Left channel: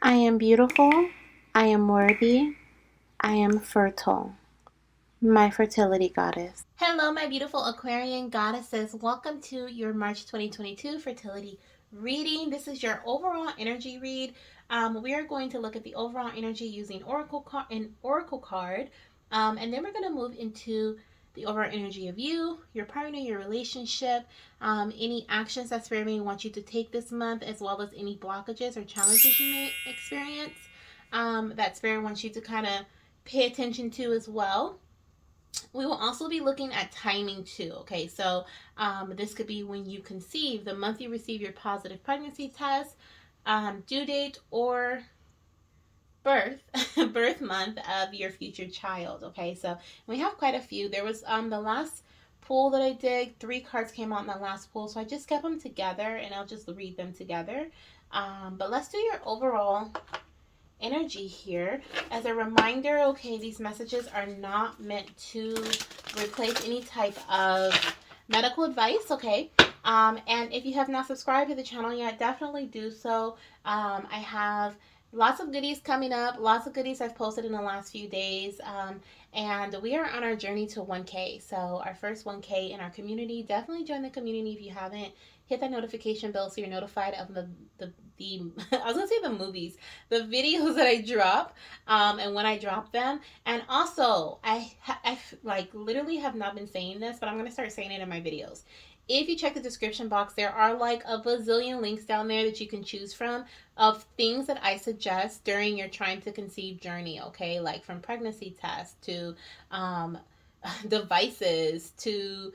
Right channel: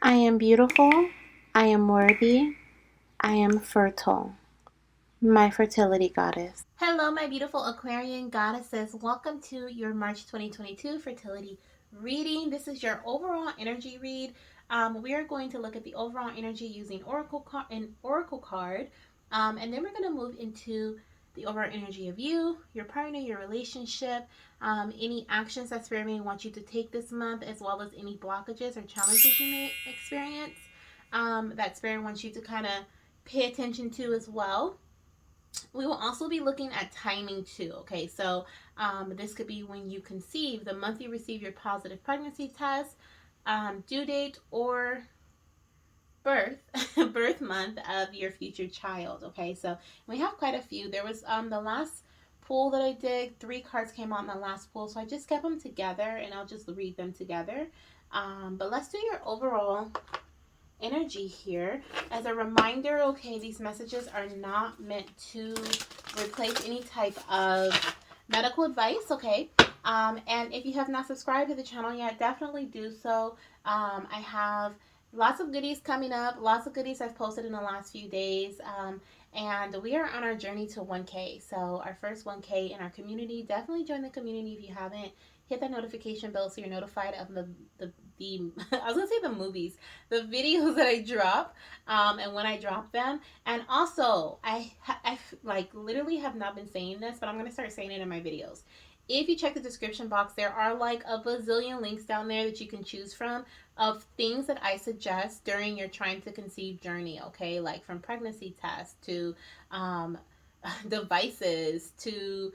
I am beautiful. I am worthy. I am fertile. My fertility goddess. Hello, my beautiful Aquarian goddesses. Welcome to your March 2022 fertility reading. This is your overall energy read. We are going to look at the overall energy using oracle card, and then we're going to move into the overall energy of you, your partner, your relationship, any actions that Spirit may want you to take this month, as well as any blockages or challenges you may experience that Spirit wants you to kind of pay attention to as well. We will also be looking at timing too. Okay, so this could be when you conceive, the month you receive your positive pregnancy test, due date, or birth birth month of your future child. Okay, so we have quite a few. There was the last pool that I did, three cards came out in the last pool, so I just kept them together and I'll just read them together. But let's do your overall energy here. As a reminder, okay, these messages are not meant to replace any type of medical advice, okay? And if you have not subscribed to the channel yet, definitely do so. I have lots of goodies coming up, lots of goodies I've posted in the last few days. And we are on our journey to 1K. So, our first 1K in our community. Definitely join the community if you haven't. Hit that notification bell so you're notified of the I was gonna say the movies, the videos that I drop, and when I drop them. And also, I like literally have not been saying this, but I'm gonna start saying it in my videos. If you check the description box, there are like a bazillion links down there that you can choose from of things that I suggest during your trying to conceive journey. Okay, like from pregnancy tests to um, devices to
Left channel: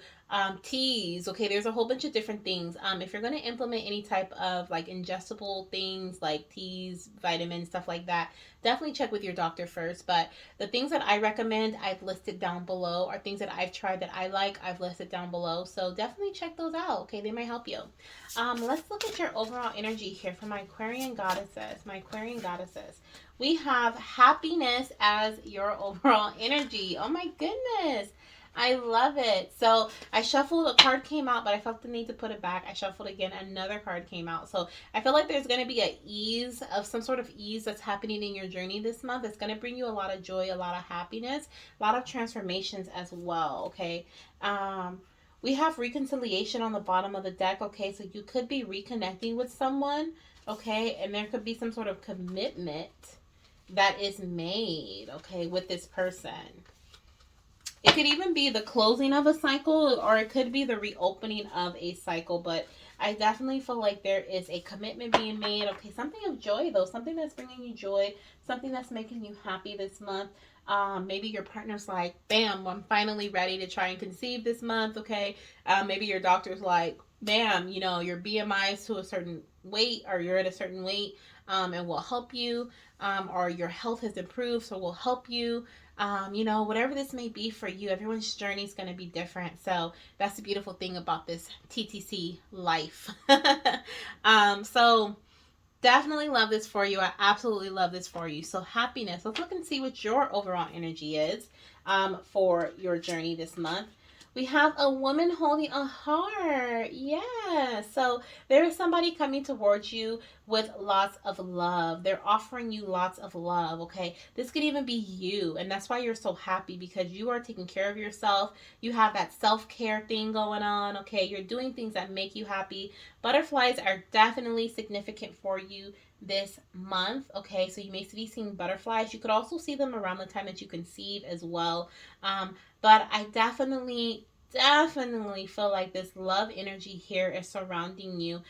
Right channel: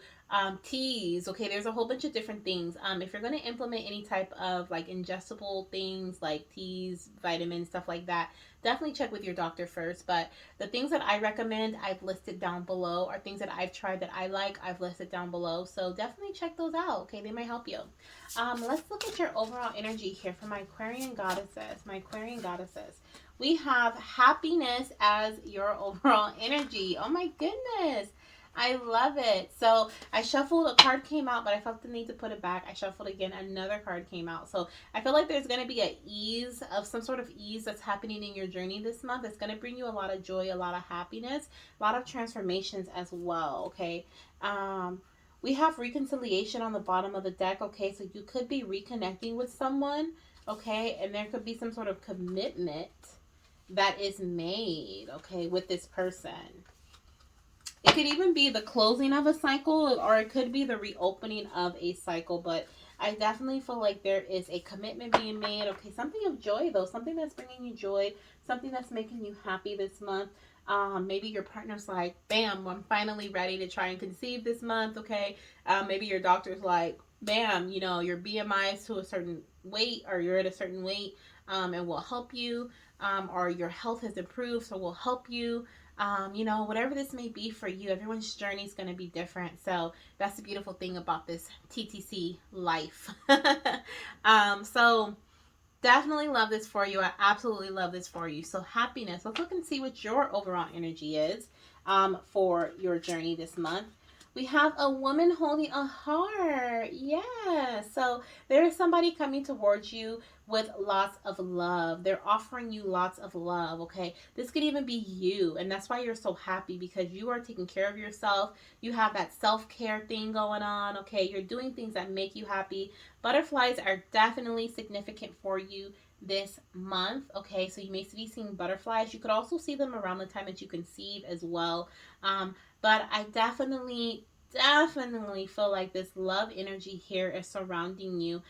teas. Okay, there's a whole bunch of different things. If you're going to implement any type of like ingestible things like teas, vitamins, stuff like that, definitely check with your doctor first. But the things that I recommend, I've listed down below, are things that I've tried that I like, I've listed down below. So definitely check those out. Okay, they might help you. Let's look at your overall energy here for my Aquarian goddesses. My Aquarian goddesses. We have happiness as your overall energy. Oh my goodness. I love it. So I shuffled, a card came out, but I felt the need to put it back. I shuffled again, another card came out. So I feel like there's going to be a ease of some sort of ease that's happening in your journey this month. It's going to bring you a lot of joy, a lot of happiness, a lot of transformations as well. Okay. We have reconciliation on the bottom of the deck. Okay. So you could be reconnecting with someone. Okay. And there could be some sort of commitment that is made. Okay. With this person. It could even be the closing of a cycle, or it could be the reopening of a cycle. But I definitely feel like there is a commitment being made. Okay, something of joy, though. Something that's bringing you joy. Something that's making you happy this month. Maybe your partner's like, bam, I'm finally ready to try and conceive this month. Okay. Maybe your doctor's like, bam, your BMI is to a certain weight, or you're at a certain weight, and will help you. Or your health has improved, so will help you. Whatever this may be for you, everyone's journey is going to be different. So that's the beautiful thing about this TTC life. So definitely love this for you. I absolutely love this for you. So happiness. Let's look and see what your overall energy is for your journey this month. We have a woman holding a heart. Yeah. So there is somebody coming towards you with lots of love. They're offering you lots of love. Okay. This could even be you. And that's why you're so happy, because you are taking care of yourself. You have that self care thing going on. Okay. You're doing things that make you happy. Butterflies are definitely significant for you this month. Okay. So you may be seeing butterflies. You could also see them around the time that you conceive as well. But I definitely feel like this love energy here is surrounding you.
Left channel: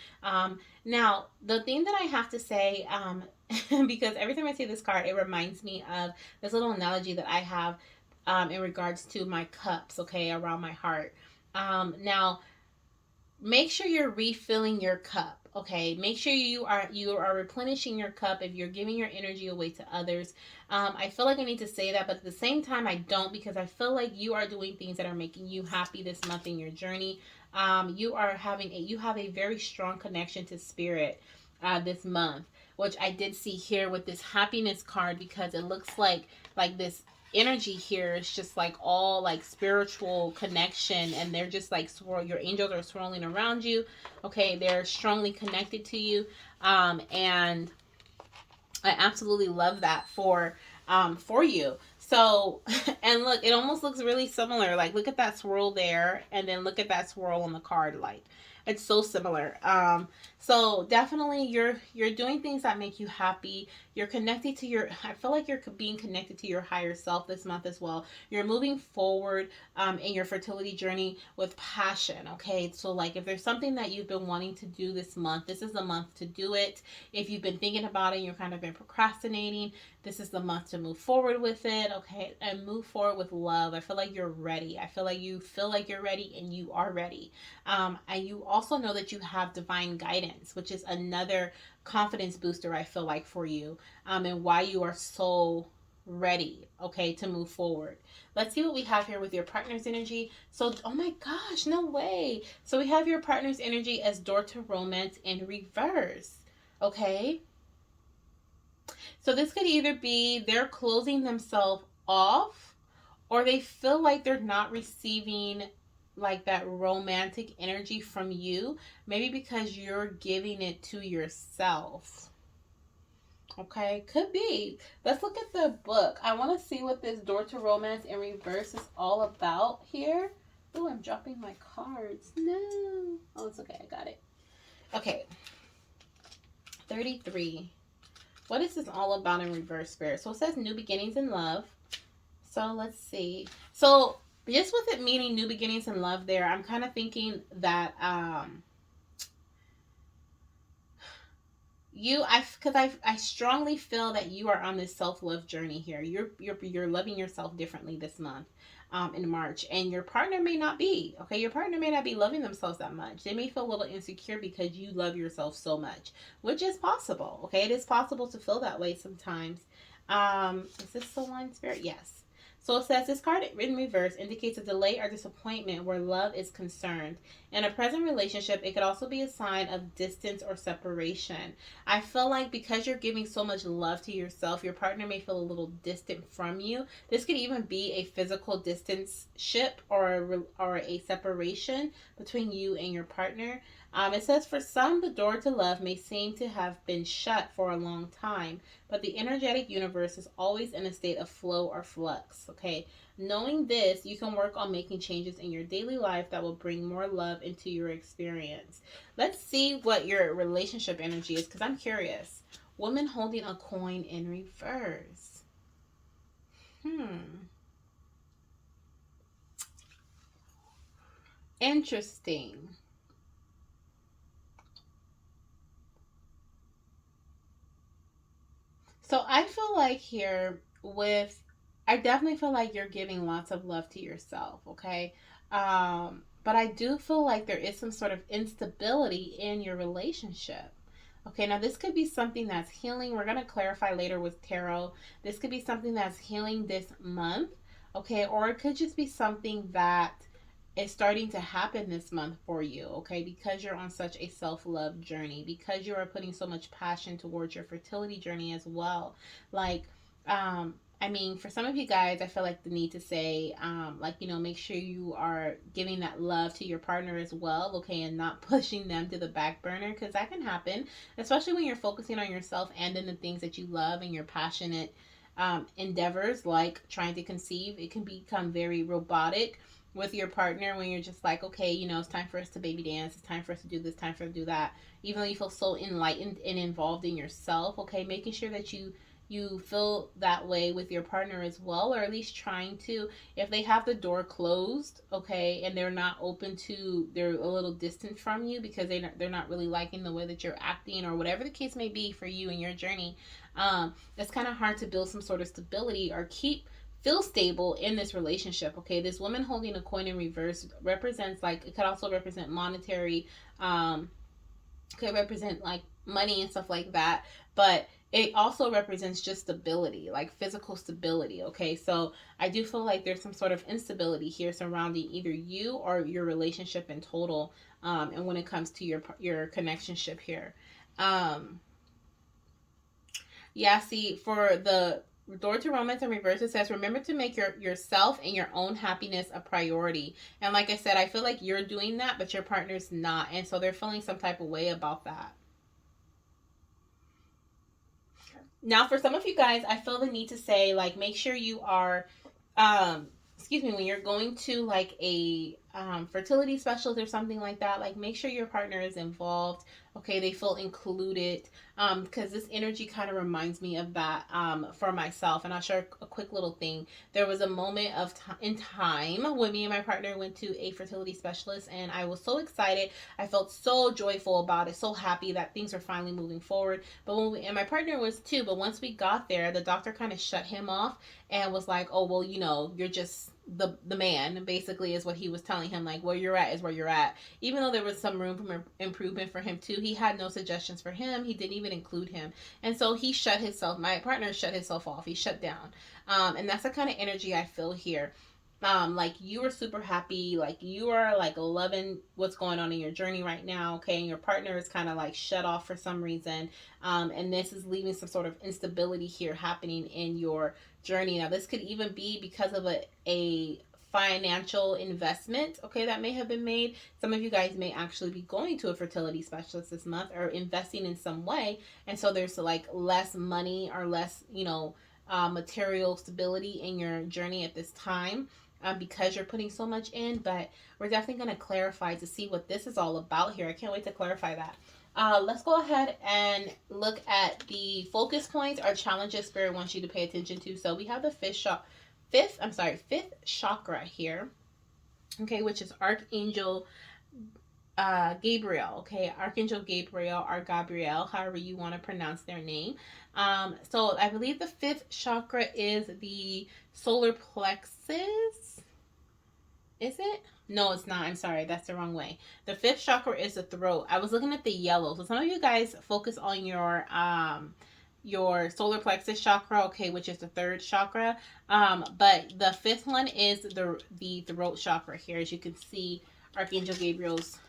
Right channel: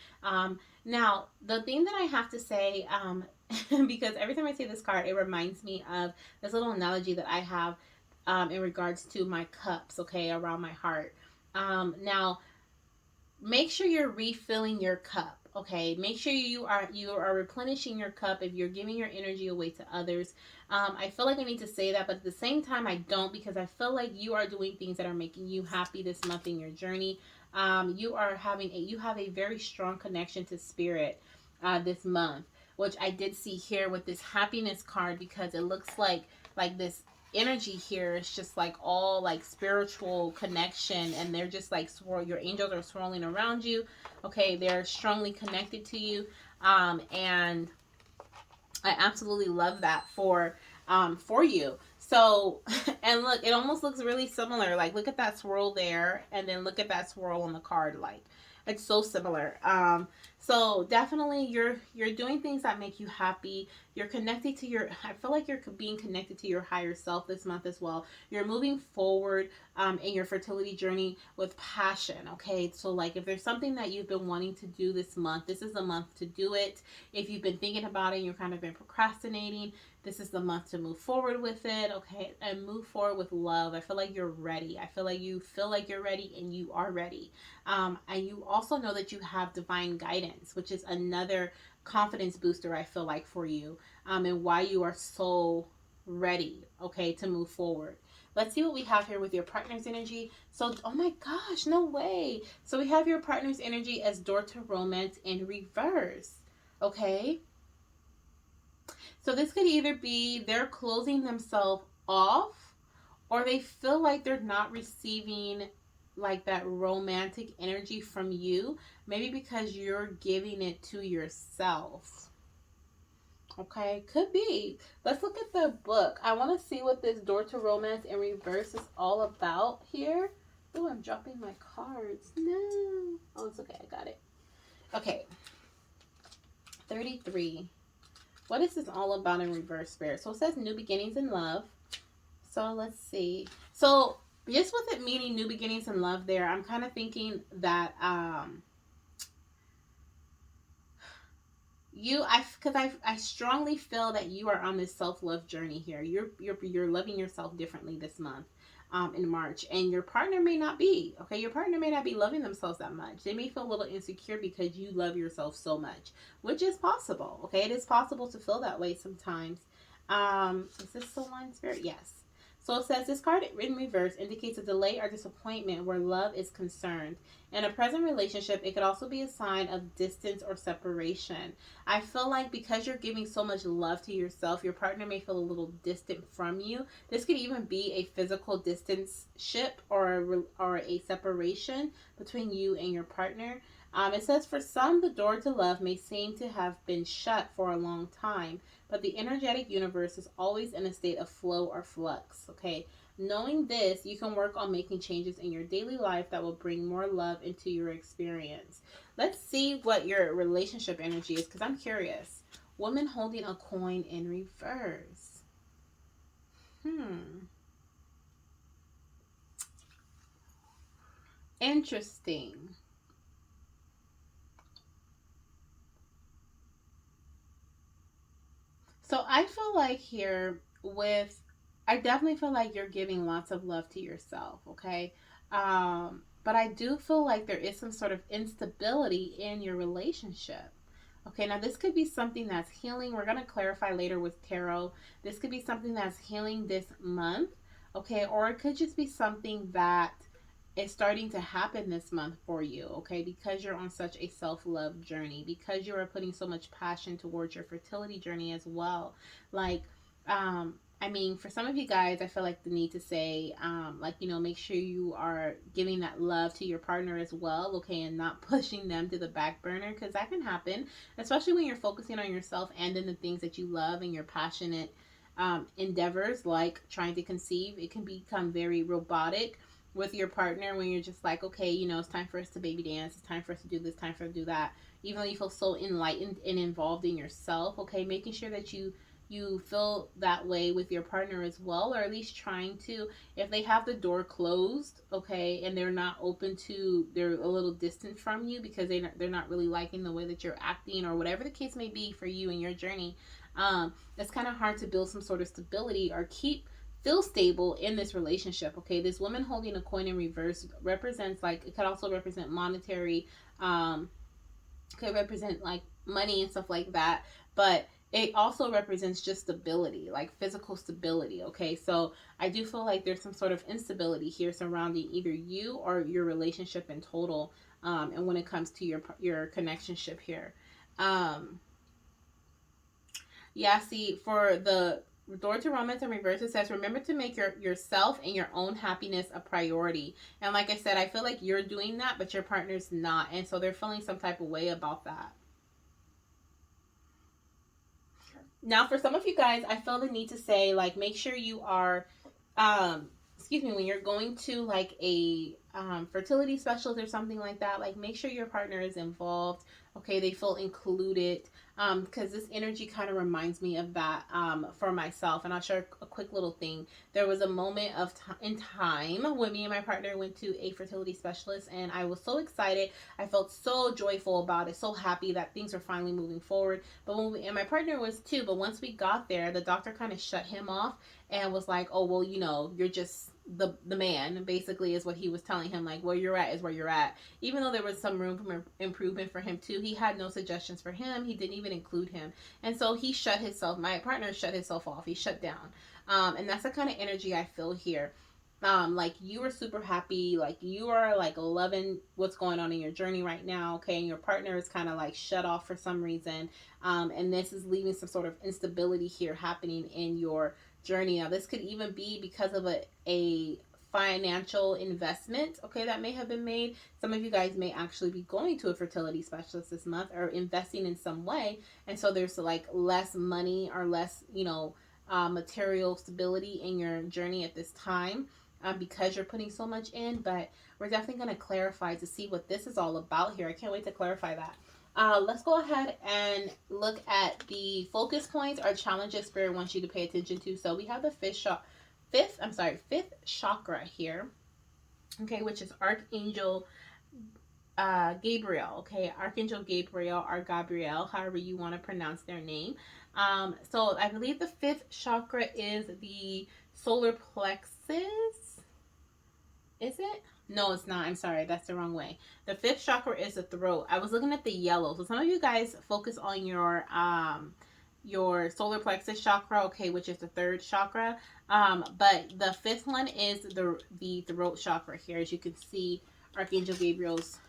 Now, the thing that I have to say, because every time I see this card, it reminds me of this little analogy that I have in regards to my cups, okay, around my heart. Now, make sure you're refilling your cup. Okay, make sure you are replenishing your cup if you're giving your energy away to others. I feel like I need to say that, but at the same time I don't, because I feel like you are doing things that are making you happy this month in your journey. You have a very strong connection to spirit this month, which I did see here with this happiness card, because it looks like this energy here is just like all like spiritual connection, and they're just like your angels are swirling around you. Okay, they're strongly connected to you. And I absolutely love that for you. So, and look, it almost looks really similar. Like, look at that swirl there, and then look at that swirl on the card. Like, it's so similar. So definitely, you're doing things that make you happy. You're connected to your. I feel like you're being connected to your higher self this month as well. You're moving forward in your fertility journey with passion. Okay, so like if there's something that you've been wanting to do this month, this is the month to do it. If you've been thinking about it and you're kind of been procrastinating, this is the month to move forward with it, okay? And move forward with love. I feel like you're ready. I feel like you feel like you're ready and you are ready. And you also know that you have divine guidance, which is another confidence booster, I feel like, for you, and why you are so ready, okay, to move forward. Let's see what we have here with your partner's energy. So, oh my gosh, no way. So, we have your partner's energy as door to romance in reverse. Okay. So this could either be they're closing themselves off or they feel like they're not receiving like that romantic energy from you, maybe because you're giving it to yourself. Okay, could be. Let's look at the book. I want to see what this door to romance in reverse is all about here. Oh, I'm dropping my cards. No. Oh, it's okay. I got it. Okay, 33. What is this all about in reverse, spirit? So it says new beginnings in love. So let's see. So just with it meaning new beginnings in love there, I'm kind of thinking that I strongly feel that you are on this self-love journey here. You're loving yourself differently this month. In March, and your partner may not be okay. Your partner may not be loving themselves that much. They may feel a little insecure because you love yourself so much, which is possible. Okay, it is possible to feel that way sometimes. Is this the one, spirit? Yes. So it says this card in reverse indicates a delay or disappointment where love is concerned. In a present relationship, it could also be a sign of distance or separation. I feel like because you're giving so much love to yourself, your partner may feel a little distant from you. This could even be a physical distance ship or a separation between you and your partner. It says for some, the door to love may seem to have been shut for a long time, but the energetic universe is always in a state of flow or flux. Okay, knowing this, you can work on making changes in your daily life that will bring more love into your experience. Let's see what your relationship energy is because I'm curious. Woman holding a coin in reverse. Hmm. Interesting. So I feel like here with I definitely feel like you're giving lots of love to yourself, okay? But I do feel like there is some sort of instability in your relationship. Okay, now this could be something that's healing. We're going to clarify later with tarot. This could be something that's healing this month, okay? Or it could just be something that is starting to happen this month for you, okay? Because you're on such a self love journey, because you are putting so much passion towards your fertility journey as well. Like, I mean, for some of you guys, I feel like the need to say, like, make sure you are giving that love to your partner as well, okay, and not pushing them to the back burner because that can happen, especially when you're focusing on yourself and in the things that you love and your passionate endeavors, like trying to conceive. It can become very robotic with your partner when you're just like, okay, it's time for us to baby dance, it's time for us to do this, time for us to do that. Even though you feel so enlightened and involved in yourself, okay, making sure that you feel that way with your partner as well, or at least trying to. If they have the door closed, okay, and they're not open to, they're a little distant from you because they're not really liking the way that you're acting or whatever the case may be for you in your journey. It's kind of hard to build some sort of stability or feel stable in this relationship. Okay, this woman holding a coin in reverse represents, like, it could also represent monetary, could represent like money and stuff like that, but it also represents just stability, like physical stability. Okay, so I do feel like there's some sort of instability here surrounding either you or your relationship in total, and when it comes to your connectionship here. um yeah, see, for the door to romance in reverse, it says, remember to make yourself and your own happiness a priority. And like I said, I feel like you're doing that, but your partner's not. And so they're feeling some type of way about that. Now, for some of you guys, I feel the need to say, like, make sure you are, um, excuse me, when you're going to like a fertility specialist or something like that, like, make sure your partner is involved. Okay, they feel included. Because this energy kind of reminds me of that for myself. And I'll share a quick little thing. There was a moment of in time when me and my partner went to a fertility specialist, and I was so excited. I felt so joyful about it, so happy that things were finally moving forward. But and my partner was too. But once we got there, the doctor kind of shut him off and was like, "Oh, well, you're just the man." Basically, is what he was telling him. Like, where you're at is where you're at. Even though there was some room for improvement for him too, he had no suggestions for him. He didn't even include him, and so he shut himself. My partner shut himself off. He shut down, and that's the kind of energy I feel here. Like, you are super happy, like you are like loving what's going on in your journey right now, okay, and your partner is kind of like shut off for some reason, and this is leaving some sort of instability here happening in your journey. Now, this could even be because of a financial investment, okay, that may have been made. Some of you guys may actually be going to a fertility specialist this month or investing in some way, and so there's like less money or less, material stability in your journey at this time, because you're putting so much in. But we're definitely going to clarify to see what this is all about here. I can't wait to clarify that. Let's go ahead and look at the focus points or challenges Spirit wants you to pay attention to. So we have the fifth chakra here, okay, which is Archangel Gabriel, okay, Archangel Gabriel or Gabriel, however you want to pronounce their name. So I believe the fifth chakra is the solar plexus. Is it? No, it's not. I'm sorry. That's the wrong way. The fifth chakra is the throat. I was looking at the yellow. So some of you guys focus on your solar plexus chakra, okay, which is the third chakra. But the fifth one is the throat chakra here. As you can see, Archangel Gabriel's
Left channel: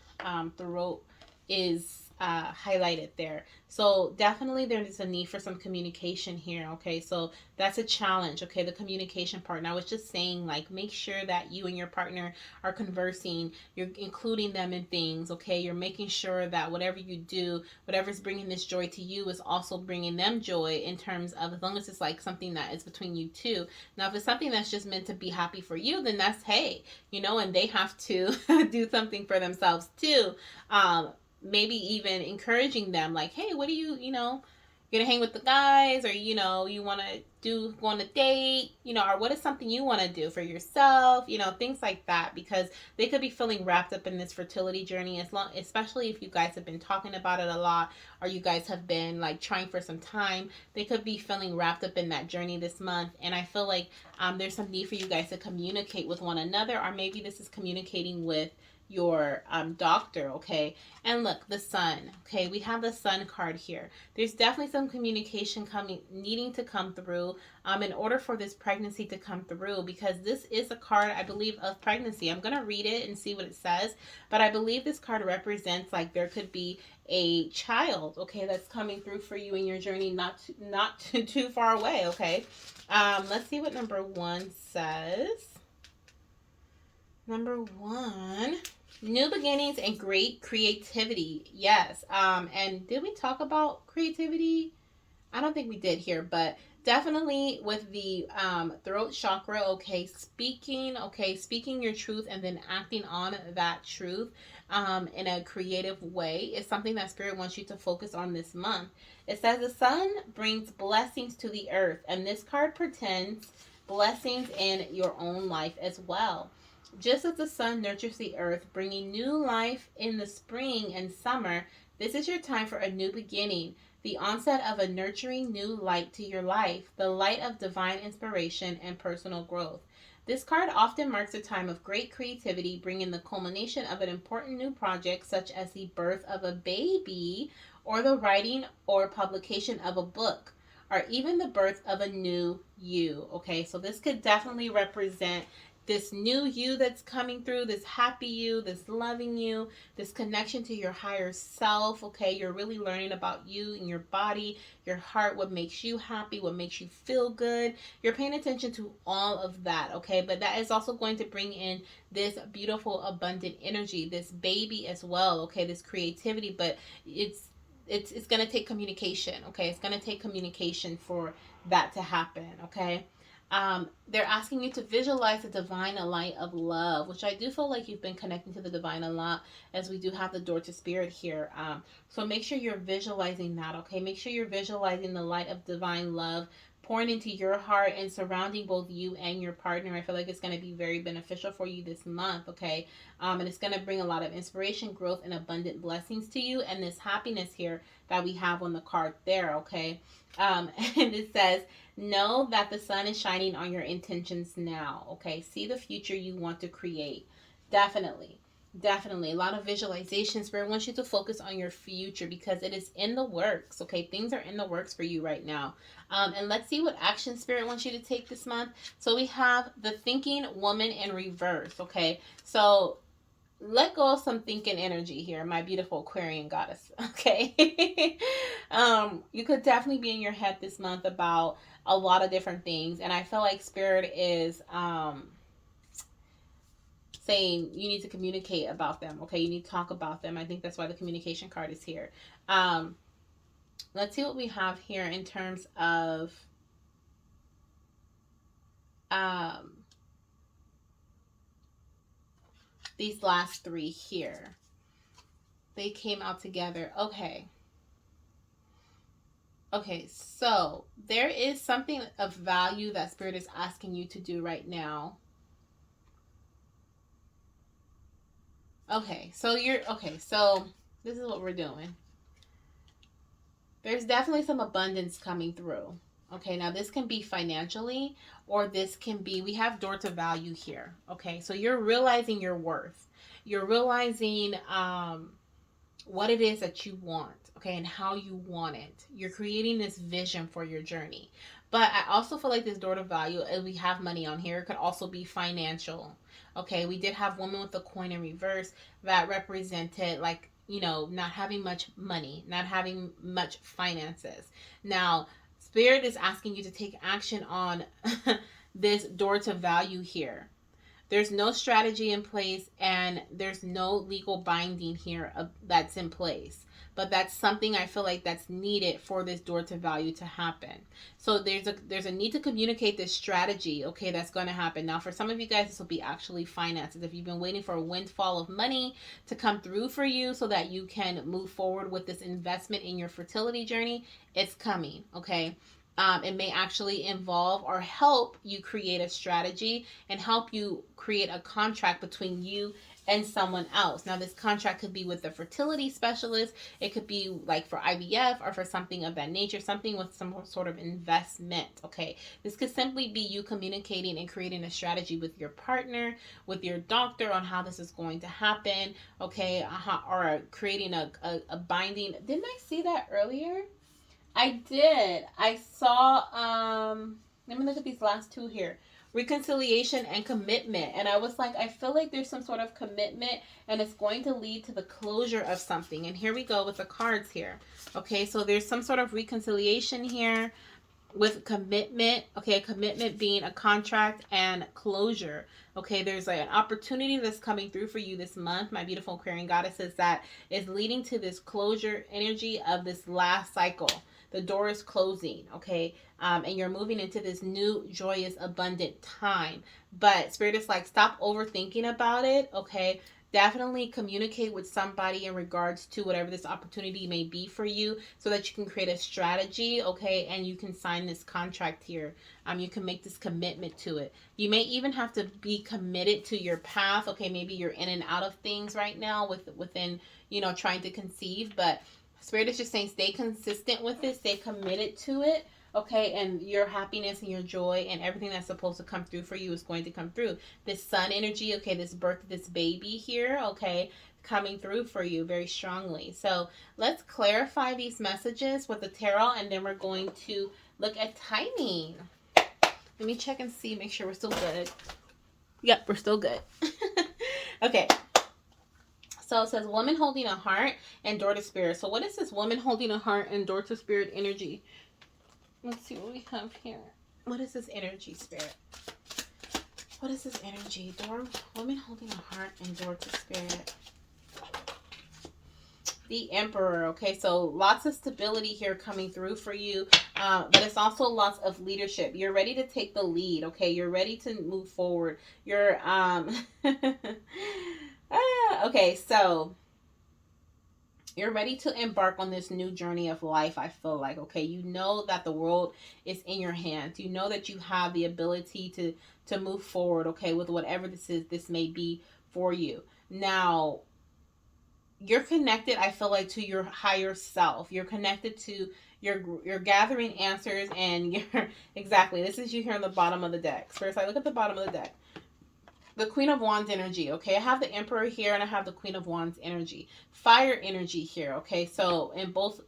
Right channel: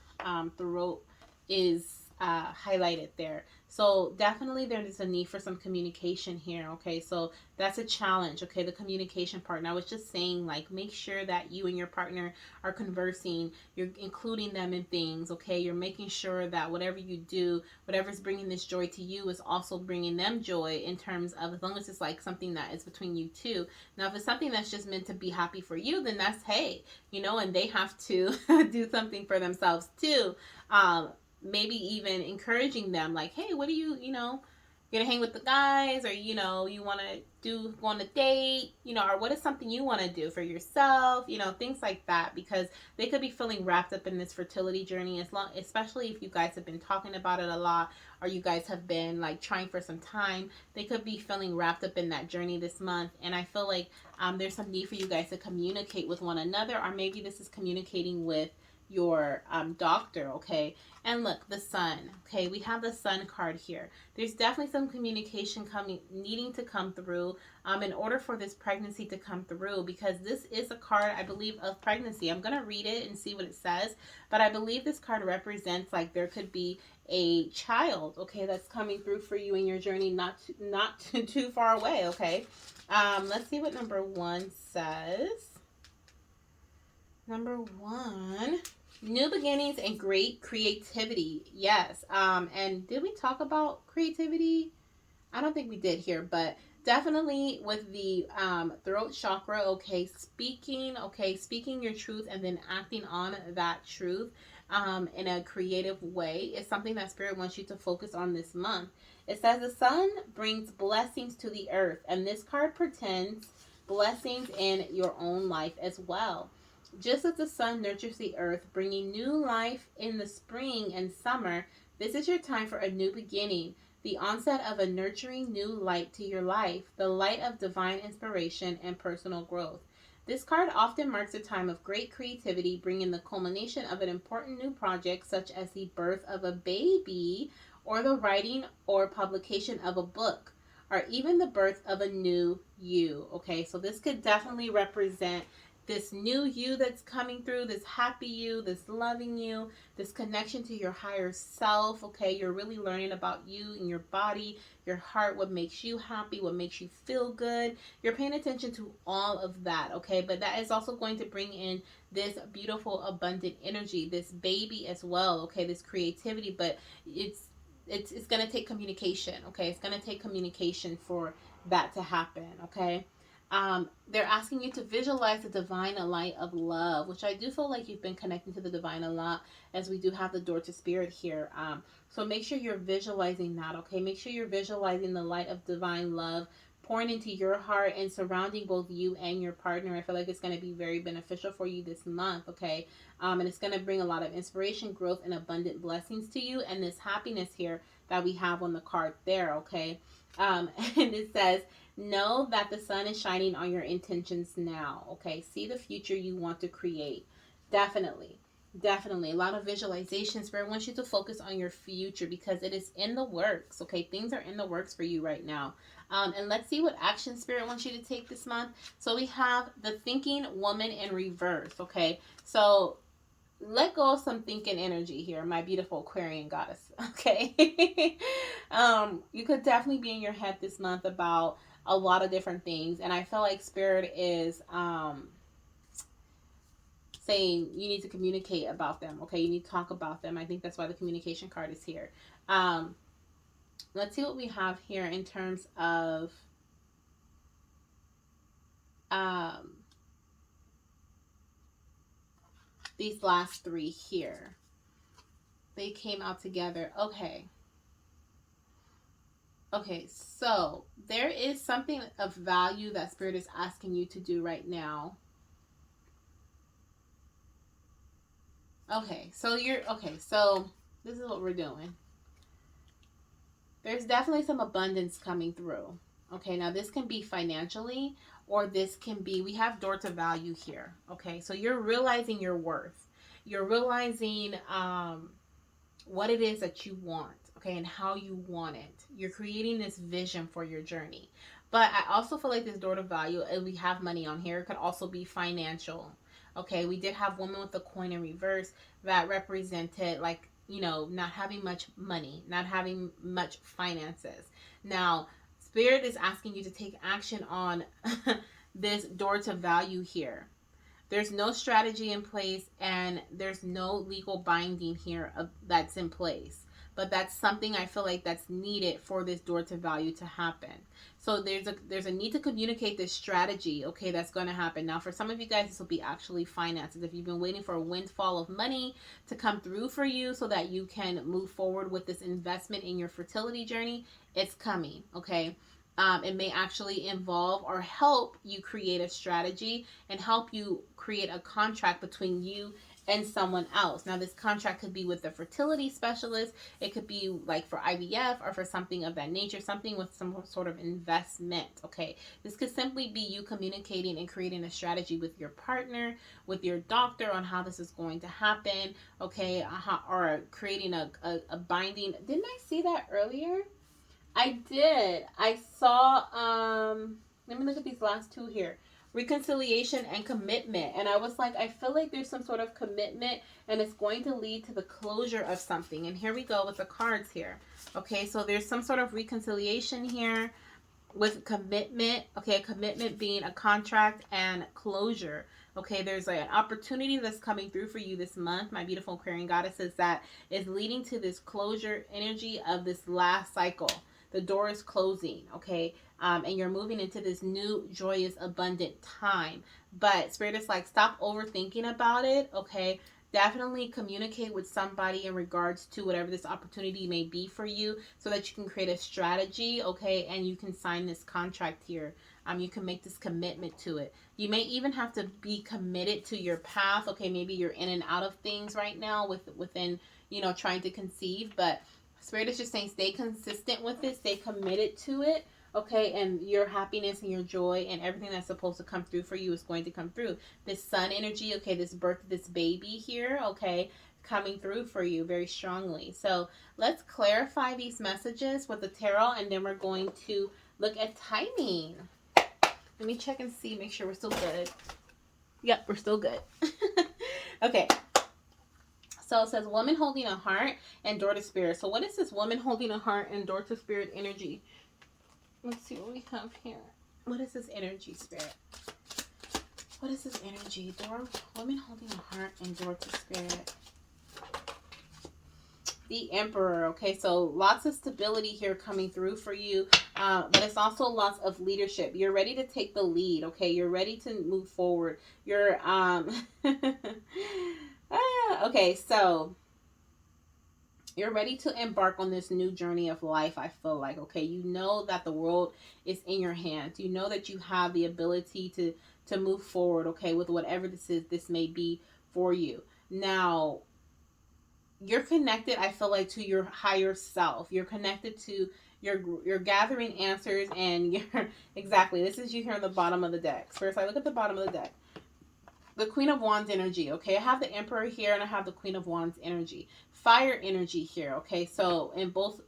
throat is highlighted there. So definitely there is a need for some communication here. Okay, so that's a challenge. Okay, the communication part. And I was just saying, like, make sure that you and your partner are conversing. You're including them in things. Okay, you're making sure that whatever you do, whatever's bringing this joy to you, is also bringing them joy. In terms of, as long as it's like something that is between you two. Now, if it's something that's just meant to be happy for you, then that's, hey, and they have to do something for themselves too. Maybe even encouraging them, like, hey, what do you're gonna hang with the guys, or you want to go on a date, or what is something you want to do for yourself, things like that, because they could be feeling wrapped up in this fertility journey, especially if you guys have been talking about it a lot, or you guys have been like trying for some time. They could be feeling wrapped up in that journey this month, and I feel like there's some need for you guys to communicate with one another, or maybe this is communicating with your doctor, okay? And look, the sun, okay? We have the sun card here. There's definitely some communication needing to come through in order for this pregnancy to come through, because this is a card, I believe, of pregnancy. I'm going to read it and see what it says, but I believe this card represents, like, there could be a child, okay, that's coming through for you in your journey, not too far away, okay? Let's see what number one says. Number one, new beginnings and great creativity. Yes. And did we talk about creativity? I don't think we did here, but definitely with the throat chakra, speaking your truth and then acting on that truth in a creative way is something that Spirit wants you to focus on this month. It says the sun brings blessings to the earth, and this card pretends blessings in your own life as well. Just as the sun nurtures the earth, bringing new life in the spring and summer, this is your time for a new beginning, the onset of a nurturing new light to your life, the light of divine inspiration and personal growth. This card often marks a time of great creativity, bringing the culmination of an important new project, such as the birth of a baby, or the writing or publication of a book, or even the birth of a new you. Okay, so this could definitely represent this new you that's coming through, this happy you, this loving you, this connection to your higher self. Okay, you're really learning about you and your body, your heart, what makes you happy, what makes you feel good. You're paying attention to all of that, okay? But that is also going to bring in this beautiful, abundant energy, this baby as well, okay? This creativity, but it's it's going to take communication. Okay, it's going to take communication for that to happen. Okay. They're asking you to visualize the divine light of love, which I do feel like you've been connecting to the divine a lot, as we do have the door to spirit here. So make sure you're visualizing that, okay? Make sure you're visualizing the light of divine love pouring into your heart and surrounding both you and your partner. I feel like it's going to be very beneficial for you this month, okay? And it's going to bring a lot of inspiration, growth, and abundant blessings to you, and this happiness here that we have on the card there, okay? And it says, know that the sun is shining on your intentions now. Okay. See the future you want to create. Definitely. Definitely. A lot of visualization. Spirit wants you to focus on your future because it is in the works. Okay. Things are in the works for you right now. And let's see what action Spirit wants you to take this month. So we have the thinking woman in reverse. Okay. So let go of some thinking energy here, my beautiful Aquarian goddess. Okay. You could definitely be in your head this month about a lot of different things. And I feel like Spirit is saying you need to communicate about them. Okay. You need to talk about them. I think that's why the communication card is here. Um, let's see what we have here in terms of um, these last three here. They came out together. Okay. Okay, so there is something of value that Spirit is asking you to do right now. So this is what we're doing. There's definitely some abundance coming through. Okay, now this can be financially, or this can be, we have door to value here. Okay, so you're realizing your worth. You're realizing what it is that you want, okay, and how you want it. You're creating this vision for your journey. But I also feel like this door to value, and we have money on here, could also be financial. Okay, we did have woman with the coin in reverse that represented, like, not having much money, not having much finances. Now, Spirit is asking you to take action on this door to value here. There's no strategy in place, and there's no legal binding here that's in place. But that's something I feel like that's needed for this door to value to happen. So there's a need to communicate this strategy, okay, that's going to happen. Now, for some of you guys, this will be actually finances. If you've been waiting for a windfall of money to come through for you so that you can move forward with this investment in your fertility journey, it's coming, okay? It may actually involve or help you create a strategy and help you create a contract between you and someone else. Now, this contract could be with the fertility specialist. It could be like for IVF or for something of that nature, something with some sort of investment. Okay. This could simply be you communicating and creating a strategy with your partner, with your doctor on how this is going to happen. Okay. Or creating a binding. Didn't I see that earlier? I did. I saw let me look at these last two here. Reconciliation and commitment. And I was like, I feel like there's some sort of commitment and it's going to lead to the closure of something. And here we go with the cards here. Okay, so there's some sort of reconciliation here with commitment. Okay, commitment being a contract and closure. Okay, there's like an opportunity that's coming through for you this month, my beautiful Aquarian goddesses, that is leading to this closure energy of this last cycle. The door is closing, okay? And you're moving into this new, joyous, abundant time. But Spirit is like, stop overthinking about it, okay? Definitely communicate with somebody in regards to whatever this opportunity may be for you so that you can create a strategy, okay? And you can sign this contract here. You can make this commitment to it. You may even have to be committed to your path, okay? Maybe you're in and out of things right now within, trying to conceive, but Spirit is just saying stay consistent with it, stay committed to it, okay? And your happiness and your joy and everything that's supposed to come through for you is going to come through. This sun energy, okay, this birth, this baby here, okay, coming through for you very strongly. So let's clarify these messages with the tarot, and then we're going to look at timing. Let me check and see, make sure we're still good. Yep, we're still good. Okay. So it says woman holding a heart and door to spirit. So what is this woman holding a heart and door to spirit energy? Let's see what we have here. What is this energy, Spirit? What is this energy? Woman holding a heart and door to spirit. The Emperor. Okay, so lots of stability here coming through for you, but it's also lots of leadership. You're ready to take the lead. Okay, you're ready to move forward. You're okay, so you're ready to embark on this new journey of life. I feel like, okay, you know that the world is in your hands. You know that you have the ability to move forward, okay, with whatever this may be for you. Now, you're connected, I feel like, to your higher self. You're connected to you're gathering answers, and you're exactly, this is you here on the bottom of the deck. First, I look at the bottom of the deck, the Queen of Wands energy. Okay, I have the Emperor here, and I have the Queen of Wands energy, fire energy here. Okay, so in both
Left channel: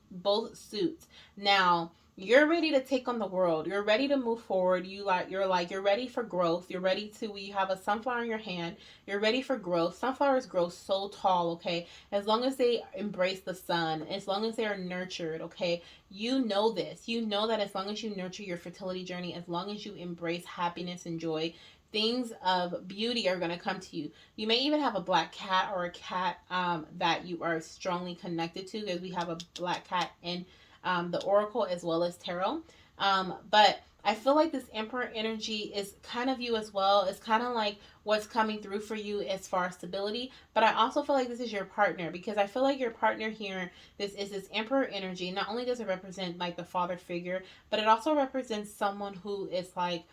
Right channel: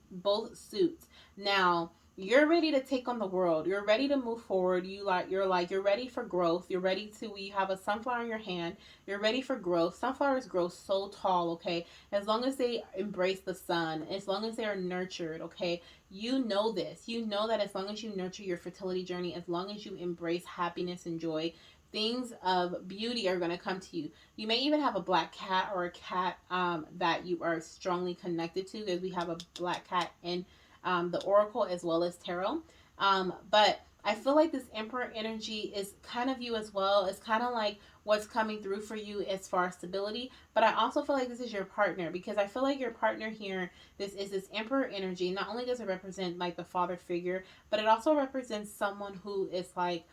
suits. Now you're ready to take on the world. You're ready to move forward. You're ready for growth. You're ready to, you have a sunflower in your hand. You're ready for growth. Sunflowers grow so tall. Okay, as long as they embrace the sun, as long as they are nurtured. Okay, you know this. You know that as long as you nurture your fertility journey, as long as you embrace happiness and joy, things of beauty are going to come to you. You may even have a black cat, or a cat that you are strongly connected to, because we have a black cat in the oracle as well as tarot. But I feel like this Emperor energy is kind of you as well. It's kind of like what's coming through for you as far as stability. But I also feel like this is your partner, because I feel like your partner here, this Emperor energy. Not only does it represent like the father figure, but it also represents someone who is like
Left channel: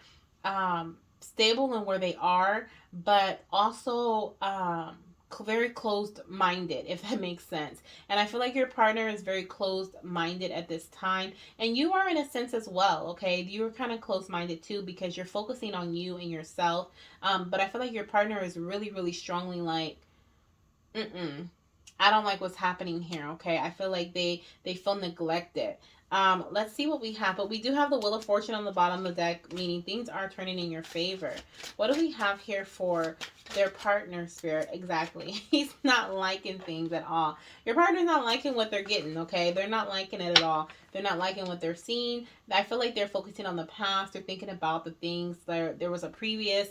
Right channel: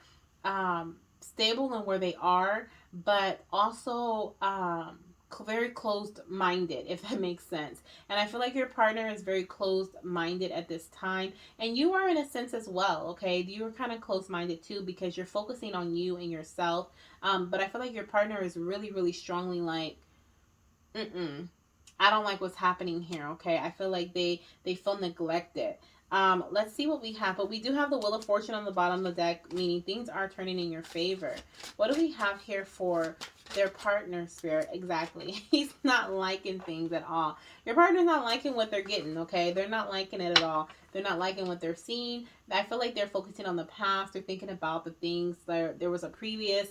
stable in where they are, but also very closed minded, if that makes sense. And I feel like your partner is very closed minded at this time, and you are in a sense as well. Okay, you're kind of closed minded too, because you're focusing on you and yourself. But I feel like your partner is really, really strongly like, mm-mm, I don't like what's happening here. Okay, I feel like they feel neglected. Let's see what we have. But we do have the Wheel of Fortune on the bottom of the deck, meaning things are turning in your favor. What do we have here for their partner, Spirit? Exactly. He's not liking things at all. Your partner's not liking what they're getting, okay? They're not liking it at all. They're not liking what they're seeing. I feel like they're focusing on the past. They're thinking about the things that there was a previous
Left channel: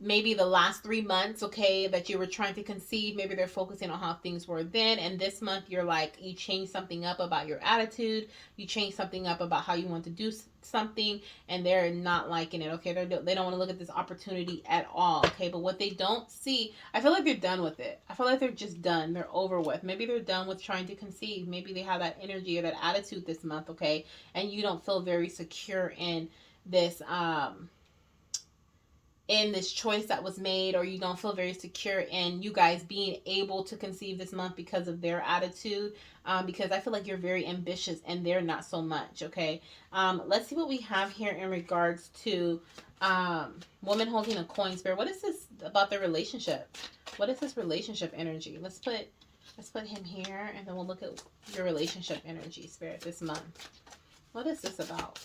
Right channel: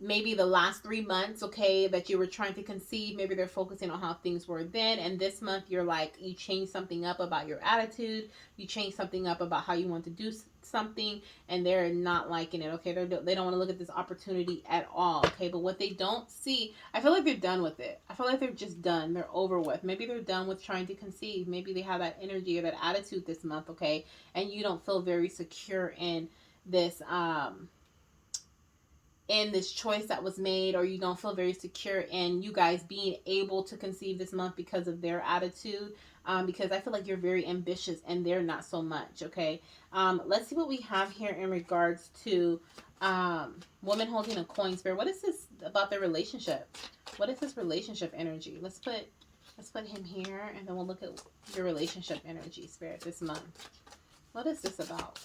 maybe the last 3 months, okay, that you were trying to conceive. Maybe they're focusing on how things were then, and this month you're like, you change something up about your attitude, you change something up about how you want to do something, and they're not liking it. Okay, they don't want to look at this opportunity at all. Okay, but what they don't see, I feel like they're done with it. I feel like they're just done. They're over with. Maybe they're done with trying to conceive. Maybe they have that energy or that attitude this month. Okay, and you don't feel very secure this um in this choice that was made, or you don't feel very secure in you guys being able to conceive this month because of their attitude. Because I feel like you're very ambitious and they're not so much. Okay, let's see what we have here in regards to woman holding a coin. Spirit, what is this about their relationship? What is this relationship energy? Let's put him here, and then we'll look at your relationship energy, Spirit, this month. What is this about?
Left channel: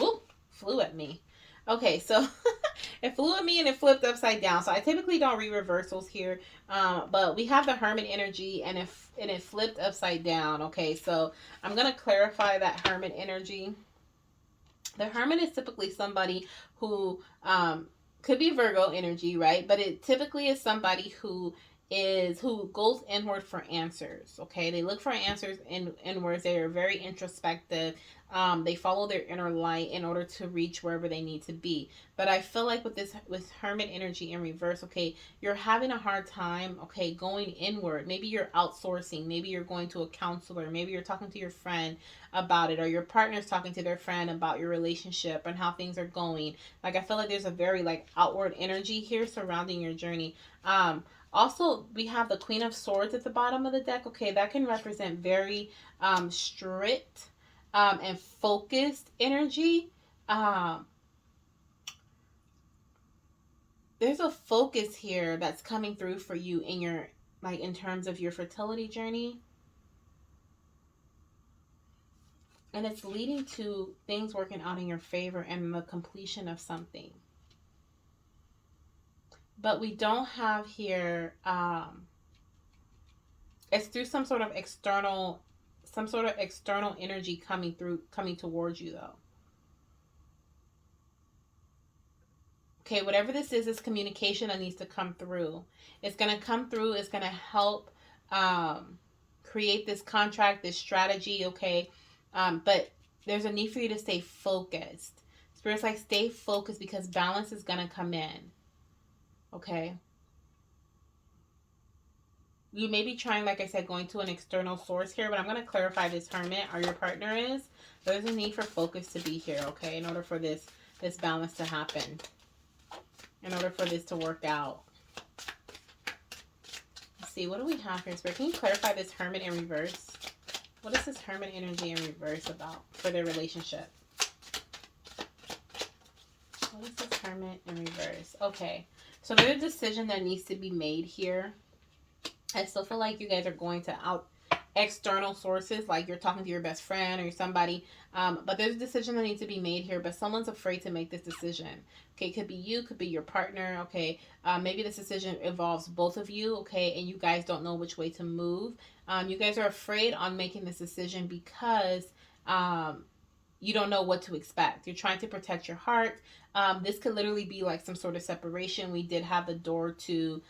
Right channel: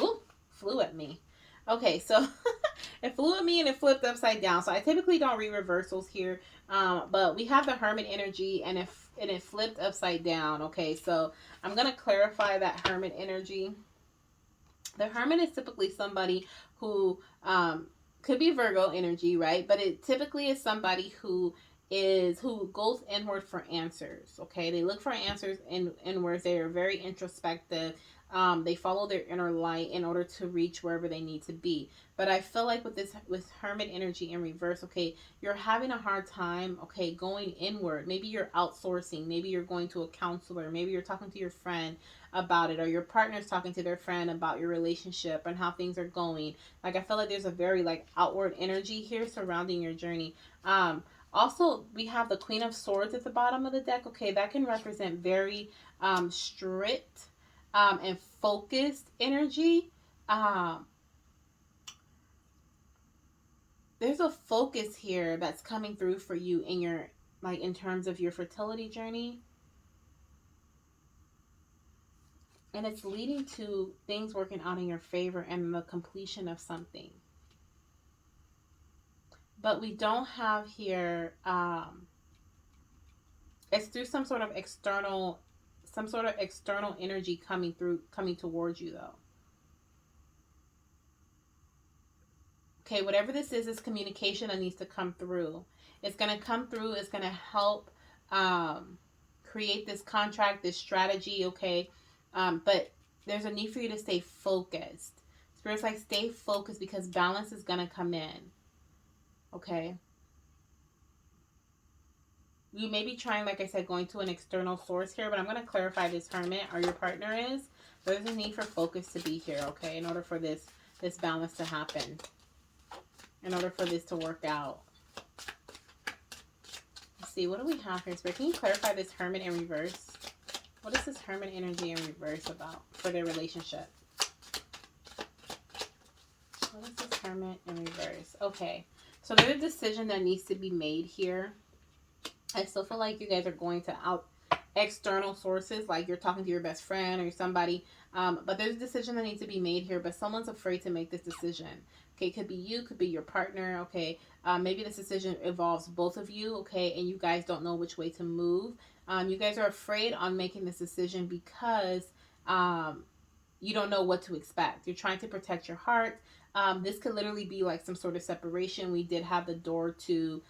Ooh, flew at me. Okay, so it flew at me and it flipped upside down. So I typically don't read reversals here, but we have the Hermit energy, and it flipped upside down. Okay, so I'm gonna clarify that Hermit energy. The Hermit is typically somebody who could be Virgo energy, right? But it typically is somebody who goes inward for answers. Okay, they look for answers inwards. They are very introspective. They follow their inner light in order to reach wherever they need to be. But I feel like with Hermit energy in reverse, okay, you're having a hard time, okay, going inward. Maybe you're outsourcing. Maybe you're going to a counselor. Maybe you're talking to your friend about it, or your partner's talking to their friend about your relationship and how things are going. Like, I feel like there's a very like outward energy here surrounding your journey. Also, we have the Queen of Swords at the bottom of the deck. Okay, that can represent very strict and focused energy. Um, there's a focus here that's coming through for you in your, like, in terms of your fertility journey, and it's leading to things working out in your favor and the completion of something. But we don't have here it's through some sort of external energy coming towards you, though. Okay, whatever this is communication that needs to come through. It's going to come through. It's going to help um, create this contract, this strategy, okay? But there's a need for you to stay focused. Spirit's like, stay focused because balance is going to come in, okay? You may be trying, like I said, going to an external source here, but I'm going to clarify this hermit or your partner is. There's a need for focus to be here, okay, in order for this balance to happen, in order for this to work out. Let's see, what do we have here, Spirit? Can you clarify this hermit in reverse? What is this hermit energy in reverse about for their relationship? What is this hermit in reverse? Okay, so there's a decision that needs to be made here. I still feel like you guys are going to external sources, like you're talking to your best friend or somebody, but there's a decision that needs to be made here, but someone's afraid to make this decision. Okay, it could be you, could be your partner. Okay, maybe this decision involves both of you. Okay, and you guys don't know which way to move. You guys are afraid on making this decision because you don't know what to expect. You're trying to protect your heart. This could literally be like some sort of separation. We did have the door to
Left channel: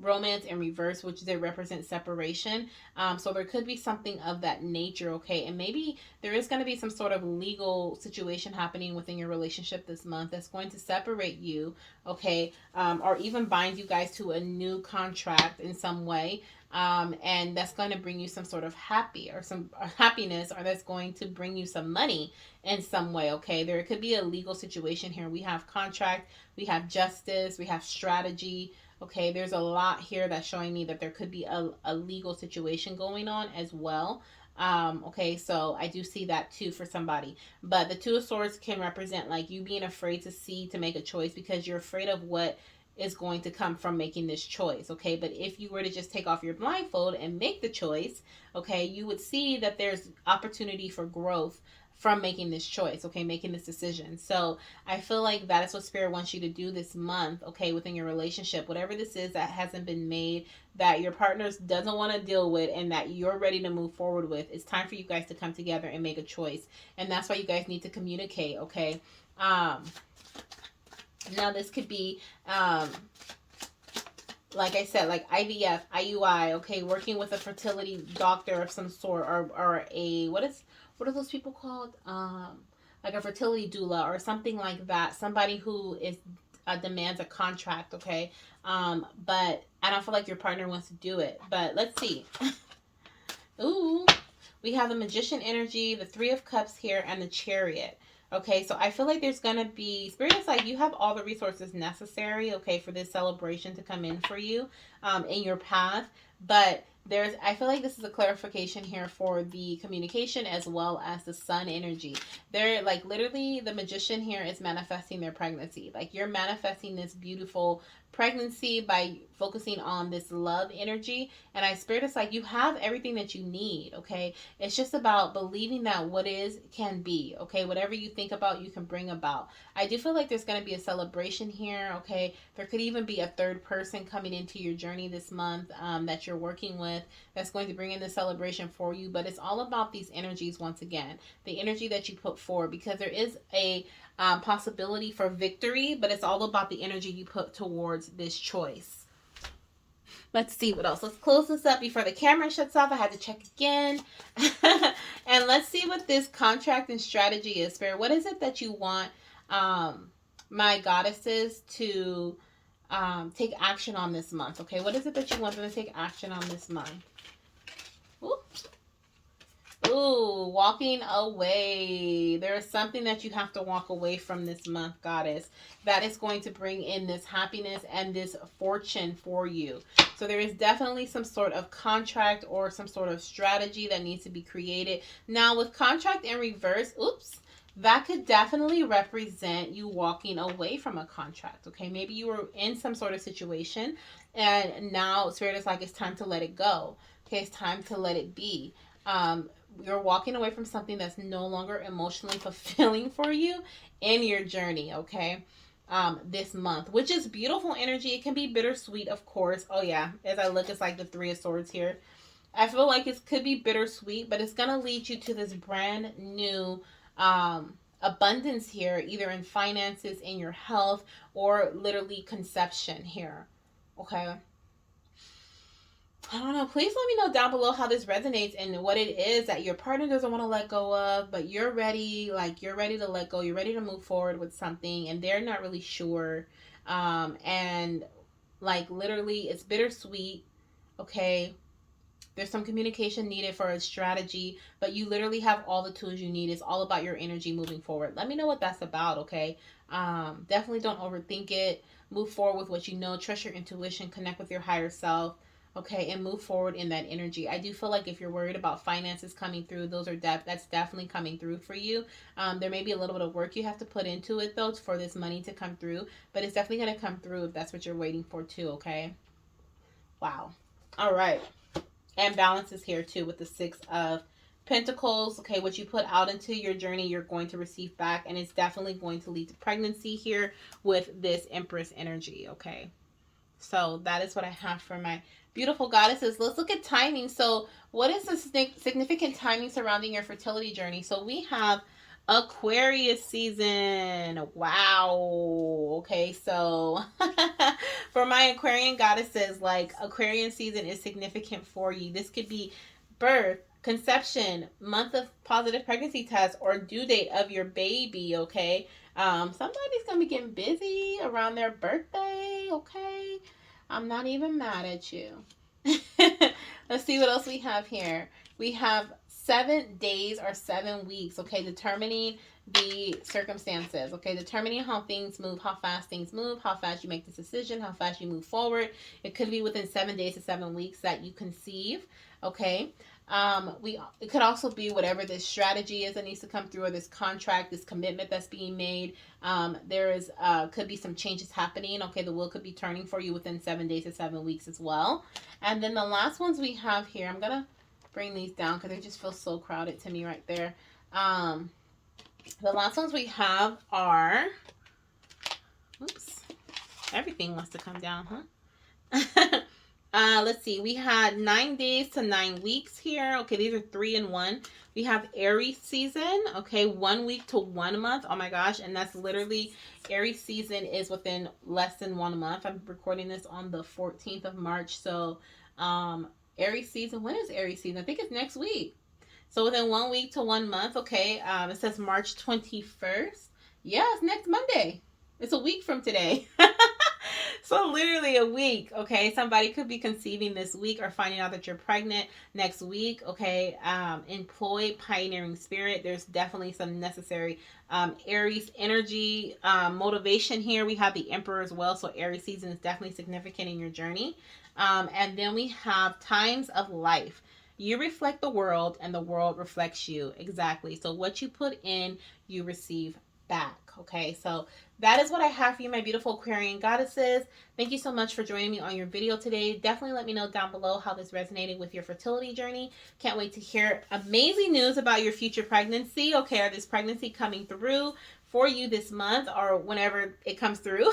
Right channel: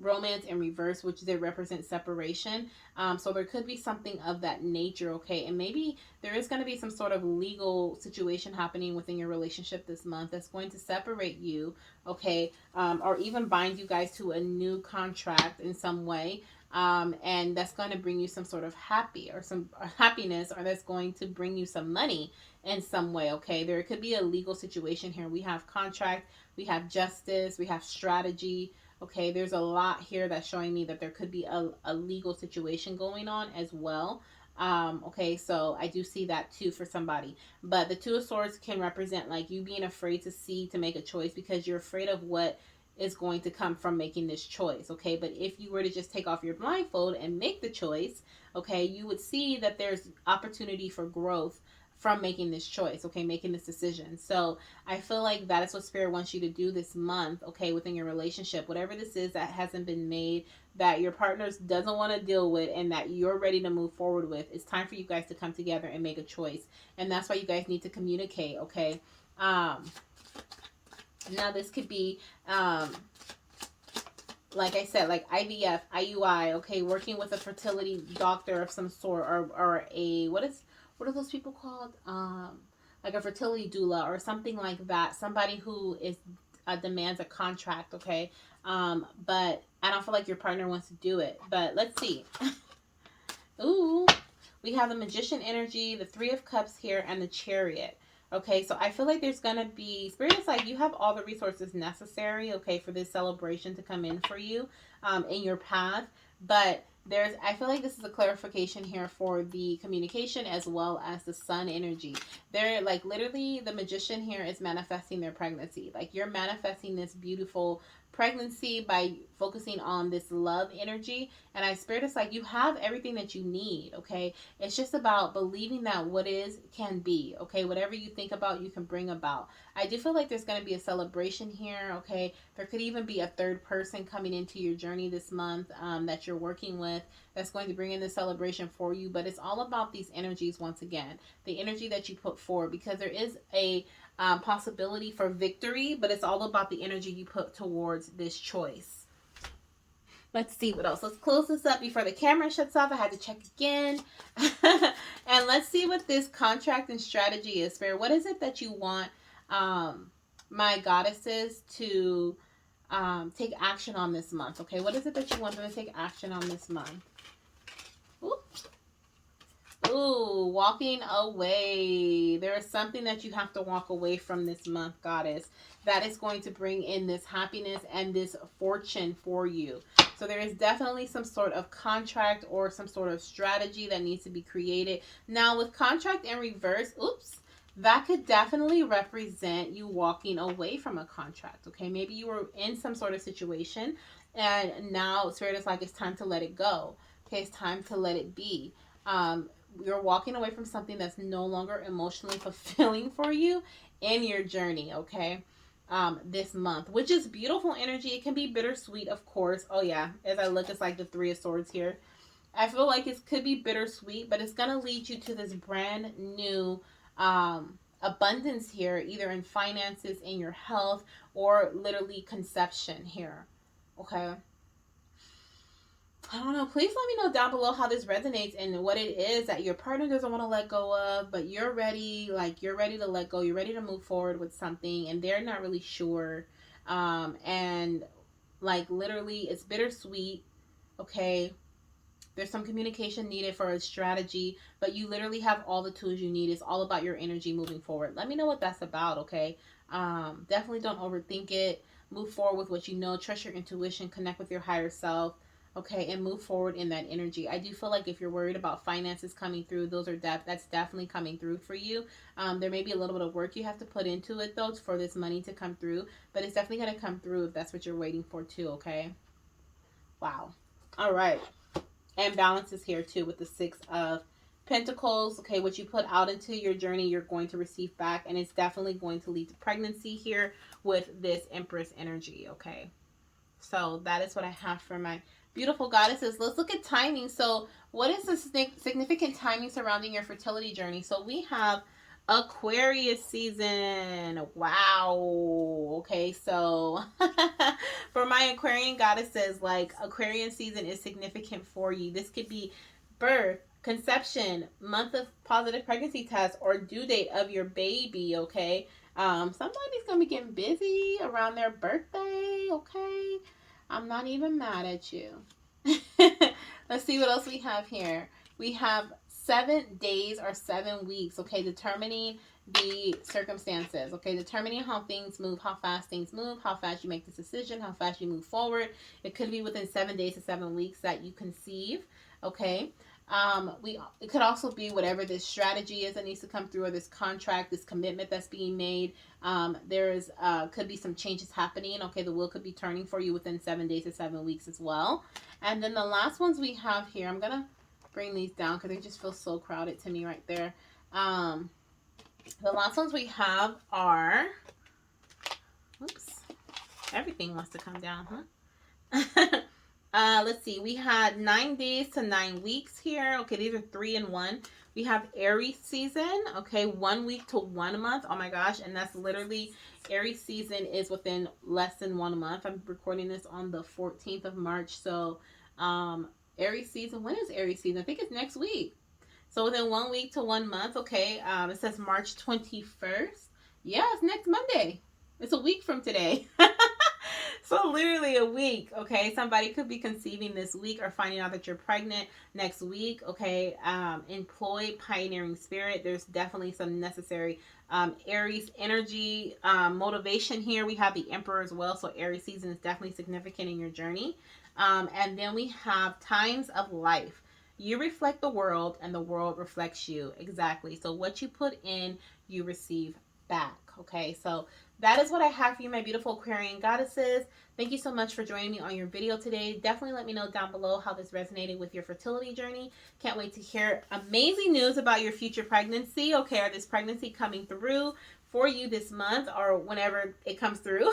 romance in reverse, which they represent separation. So there could be something of that nature, okay? And maybe there is going to be some sort of legal situation happening within your relationship this month that's going to separate you, okay? Or even bind you guys to a new contract in some way. And that's going to bring you some sort of happiness, or that's going to bring you some money in some way, okay? There could be a legal situation here. We have contract, we have justice, we have strategy. Okay, there's a lot here that's showing me that there could be a legal situation going on as well. Okay, so I do see that too for somebody. But the Two of Swords can represent like you being afraid to make a choice because you're afraid of what is going to come from making this choice. Okay, but if you were to just take off your blindfold and make the choice, okay, you would see that there's opportunity for growth from making this choice, okay, making this decision. So I feel like that is what Spirit wants you to do this month, okay, within your relationship. Whatever this is that hasn't been made, that your partner doesn't want to deal with, and that you're ready to move forward with, it's time for you guys to come together and make a choice. And that's why you guys need to communicate, okay? Now, this could be, like I said, like IVF, IUI, okay, working with a fertility doctor of some sort, or a, what are those people called? Like a fertility doula or something like that. Somebody who is demands a contract, okay? But I don't feel like your partner wants to do it. But let's see. Ooh, we have the Magician energy, the Three of Cups here, and the Chariot. Okay, so I feel like there's going to be, Spirit is like you have all the resources necessary, okay, for this celebration to come in for you in your path. But I feel like this is a clarification here for the communication as well as the sun energy. They're like literally the Magician here is manifesting their pregnancy. Like you're manifesting this beautiful pregnancy by focusing on this love energy. And I Spirit is like you have everything that you need, okay? It's just about believing that what is can be, okay? Whatever you think about, you can bring about. I do feel like there's going to be a celebration here, okay? There could even be a third person coming into your journey this month that you're working with that's going to bring in the celebration for you. But it's all about these energies once again, the energy that you put forward, because there is a possibility for victory, but it's all about the energy you put towards this choice. Let's see what else. Let's close this up before the camera shuts off. I had to check again. And let's see what this contract and strategy is, Spirit. What is it that you want my goddesses to take action on this month? Okay, what is it that you want them to take action on this month? Ooh. Ooh, walking away. There is something that you have to walk away from this month, goddess, that is going to bring in this happiness and this fortune for you. So there is definitely some sort of contract or some sort of strategy that needs to be created. Now, with contract in reverse, that could definitely represent you walking away from a contract. Okay, maybe you were in some sort of situation and now Spirit is like, it's time to let it go. Okay, it's time to let it be. You're walking away from something that's no longer emotionally fulfilling for you in your journey, okay? This month, which is beautiful energy. It can be bittersweet, of course. Oh yeah, as I look, it's like the Three of Swords here. I feel like it could be bittersweet, but it's gonna lead you to this brand new abundance here, either in finances, in your health, or literally conception here. Okay. I don't know. Please let me know down below how this resonates and what it is that your partner doesn't want to let go of, but you're ready. Like, you're ready to let go. You're ready to move forward with something, and they're not really sure. And like, literally, it's bittersweet. Okay, there's some communication needed for a strategy, but you literally have all the tools you need. It's all about your energy moving forward. Let me know what that's about, okay? Definitely don't overthink it. Move forward with what you know. Trust your intuition. Connect with your higher self, okay? And move forward in that energy. I do feel like if you're worried about finances coming through, that's definitely coming through for you. There may be a little bit of work you have to put into it though for this money to come through, but it's definitely gonna come through if that's what you're waiting for too, okay? Wow. All right. And balance is here too with the Six of Pentacles. Okay, what you put out into your journey, you're going to receive back, and it's definitely going to lead to pregnancy here with this Empress energy. Okay, so that is what I have for my beautiful goddesses. Let's look at timing. So, what is the significant timing surrounding your fertility journey? So, we have Aquarius season. Wow. Okay, so for my Aquarian goddesses, like, Aquarian season is significant for you. This could be birth, conception, month of positive pregnancy test, or due date of your baby. Okay, somebody's gonna be getting busy around their birthday. Okay, I'm not even mad at you. Let's see what else we have here. We have 7 days or 7 weeks, okay, determining the circumstances, okay, determining how things move, how fast things move, how fast you make this decision, how fast you move forward. It could be within 7 days to 7 weeks that you conceive, okay. We it could also be whatever this strategy is that needs to come through, or this contract, this commitment that's being made. There's could be some changes happening. Okay, the wheel could be turning for you within 7 days to 7 weeks as well. And then the last ones we have here, I'm gonna bring these down because they just feel so crowded to me right there. Um, the last ones we have are, oops, everything wants to come down, huh? Let's see. We had 9 days to 9 weeks here. Okay, these are 3 and 1. We have Aries season. Okay, 1 week to 1 month. Oh my gosh, and that's literally Aries season is within less than 1 month. I'm recording this on the 14th of March. So, Aries season. When is Aries season? I think it's next week. So within 1 week to 1 month. Okay. It says March 21st. Yeah, it's next Monday. It's a week from today. So literally a week. Okay, somebody could be conceiving this week or finding out that you're pregnant next week. Okay, employ pioneering spirit. There's definitely some necessary Aries energy, motivation here. We have the Emperor as well, so Aries season is definitely significant in your journey. And then we have times of life. You reflect the world, and the world reflects you. Exactly. So what you put in, you receive back. Okay, so that is what I have for you, my beautiful Aquarian goddesses. Thank you so much for joining me on your video today. Definitely let me know down below how this resonated with your fertility journey. Can't wait to hear amazing news about your future pregnancy, okay, or this pregnancy coming through for you this month or whenever it comes through.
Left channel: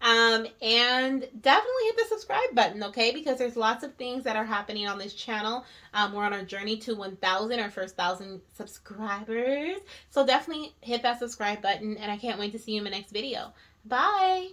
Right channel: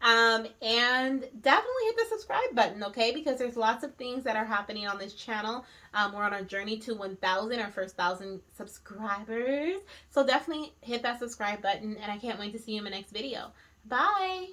And definitely hit the subscribe button, okay, because there's lots of things that are happening on this channel. We're on our journey to 1,000, our first 1,000 subscribers. So definitely hit that subscribe button, and I can't wait to see you in my next video. Bye!